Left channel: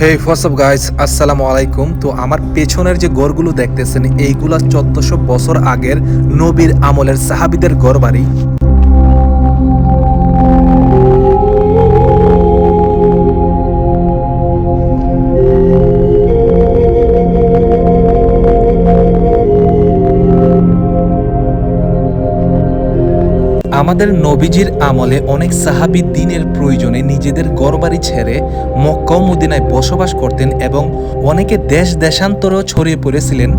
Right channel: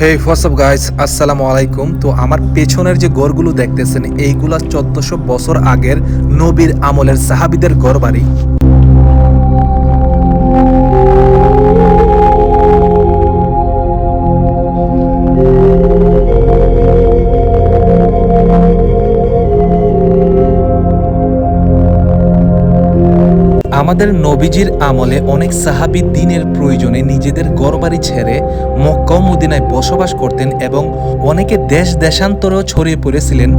হে WhatsApp guys আসসালামু আলাইকুম তো আমার পেছনের যে গড়গুলো দেখতেছেন, এইগুলা চোদ্দশো বছর আগের নবীর আমলের সাহাবিদের গড় বাড়ি আমাদের নবীজির আমলে অনেক সাহাবি দিনের প্রয়োজনে নিজেদের গড়বাড়ি ছেড়ে মক্কা মদিনায় বসবাস করতেন এবং অনেকে দেশ দেশান্তরেও ছড়িয়ে পড়েছিলেন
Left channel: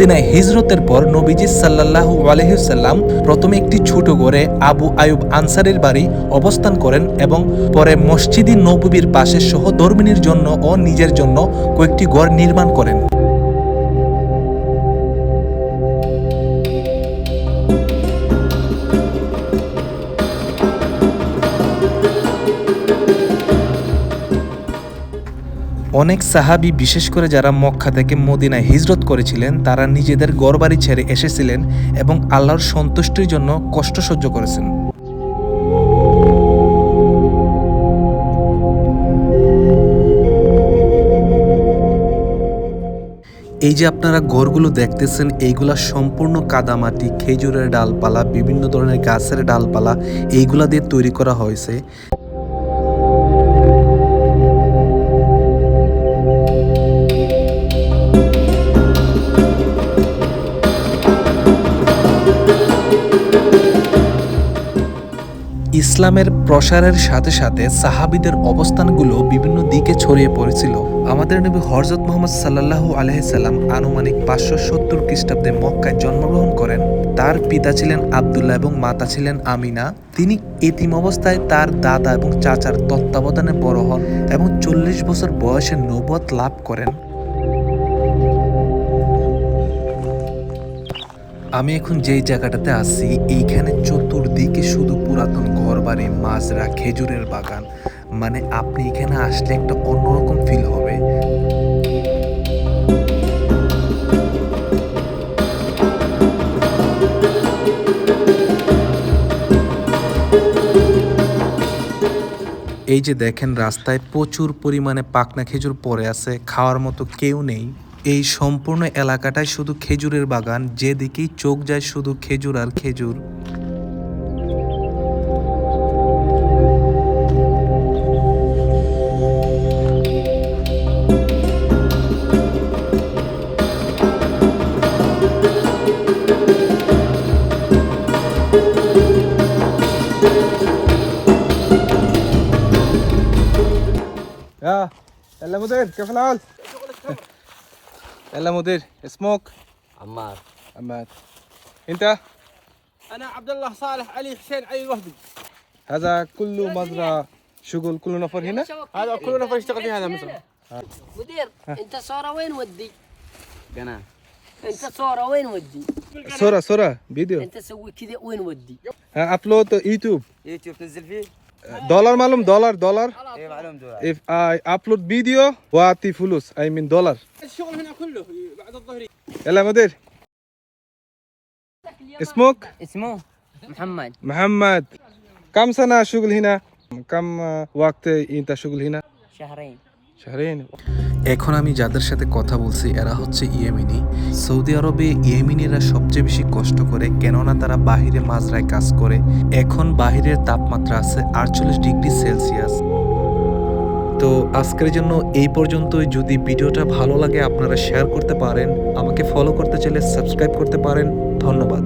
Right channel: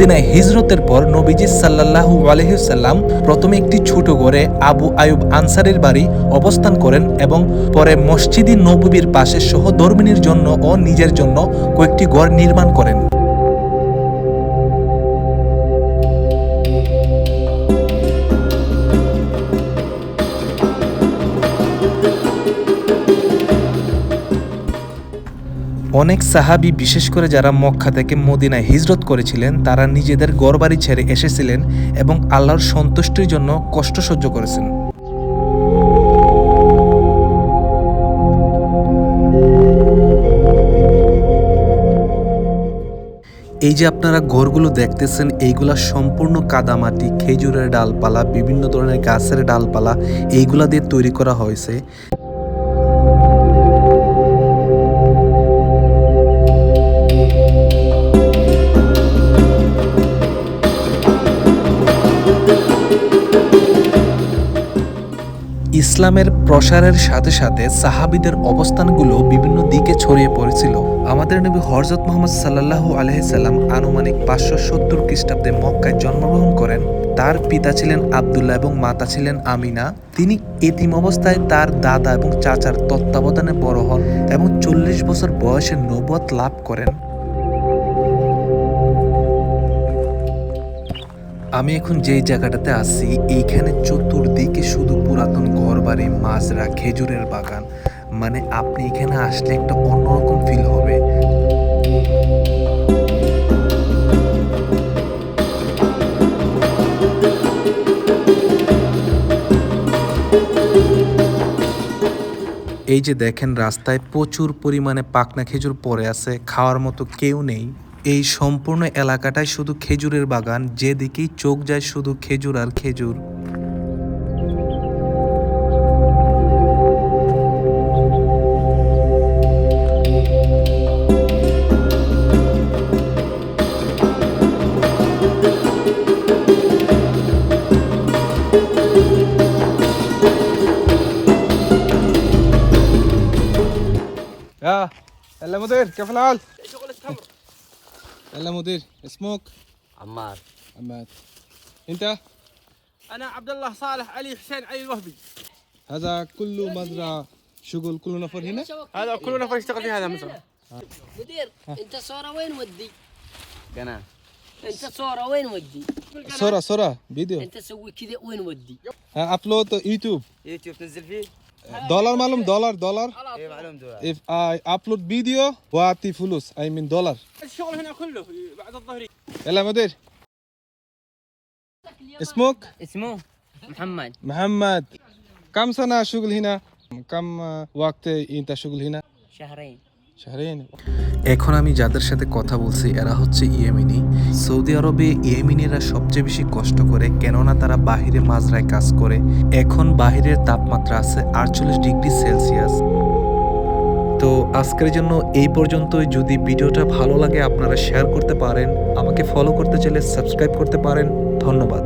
মদিনায় হিজরতের পর নবীজি সাল্লাল্লাহু আলহিসাল্লাম প্রথমে একটি ছোট ঘরে আবু আয়ুব আনসারের বাড়ি অবস্থান করেন এবং পরে মসজিদি নবীর পাশে সহধর্মিনীর জন্য ও নিজের জন্য কয়েকটি ঘর নির্মাণ করেন। অনেক সাহাবী, বিশেষ করে যারা মক্কা থেকে মদিনায় হিজরত করেছিলেন, তারা নিজেদের গড়বাড়ি ছেড়ে এসেছিলেন এবং আল্লাহর সন্তুষ্টির জন্য কষ্ট সহ্য করেছেন। এই যে আপনারা ঘরগুলো দেখতেছেন, এইগুলা সম্পূর্ণ কাদামাটি, খেজুরের ডালপালা, বিভিন্ন ধরনের গাছের ডালপালা, এইগুলা দিয়ে তৈরি করা হয়েছে। ইসলামের প্রসারের সাথে সাথে সাহাবিদের অবস্থানগুলো বিভিন্ন দিকে ছড়িয়ে পড়েছিল। আমাদের নবী হরজত মোহাম্মদ সাল্লাল্লাহু আলহিসাল্লাম আনুমানিক পাঁচশো সত্তর খ্রিস্টাব্দে মক্কায় জন্মগ্রহণ করেন। তার পিতা ছিলেন আবদুল্লাহ এবং মাতা ছিলেন আমিনা। তিনি এতিম অবস্থায় তার দাদা এবং চাচার তত্ত্বাবধানে বড় হন এবং চল্লিশ বছর বয়সে নবত লাভ করেন। আমি এখন যেই জায়গাটাতে আছি, এইখানে চতুর্দিকে শুধু পুরাতন ঘরবাড়ি মাজরা খেজুরের বাগান। মানে আপনি এখানে আসলে একটা অন্যরকম ফিল হবে। এই যে দেখেন, রাস্তায় প্রচুর পরিমাণে পাকনা খেজুর পড়ে আছে, খাওয়ার মতো কেউ নেই। এই সম্পূর্ণ এলাকাটায় শুধু খেজুরের বাগান যেদিকেই চোখ যায় শুধু খেজুর আর খেজুর يا يلا مدير كيف الحال؟ يلا مدير اسمك؟ عمار. عماد انت؟ أنا عبد الله صالح علي حسين علي الوهبي. هذا كله مزرعة شغل كله نفر هنا؟ هذا كل نفر يشتغل في هذا المزرعه مدير انت صورة وين ودي؟ قناة انت صورة وين ودي؟ صورة صورة فيديو. انت سوي كذا وين ودي؟ ابلود يوتيوب. يوتيوب تنزل فيه؟ دولار معلوم دولار دولار. if I upload video واعطي فلوس I mean دولار الشغل هنا كله بعد الظهريه يلا مدير اسمك اسمه محمد محمد كم سنة شغل هنا كم وقت انت شغل هنا شهرين شهرين এখন আমি যাদের সাথে কথা বলছি এরা হচ্ছে ইয়েমিনি সৌদি আরবে ইয়েমিনিরা সবচেয়ে বেশি কষ্ট করে কেননা তারা বাহিরে মাজরায় কাজ করে এখন বাহিরের তাপমাত্রা আছে আটচল্লিশ ডিগ্রি সেলসিয়াস তো আজকের জন্য এই পর্যন্তই। যদি ভিডিওটা ভালো লাগে আপনারা শেয়ার করতে পারেন, আমাকে ফলো করতে চাইলে সাবস্ক্রাইব করতে পারেন। ধন্যবাদ।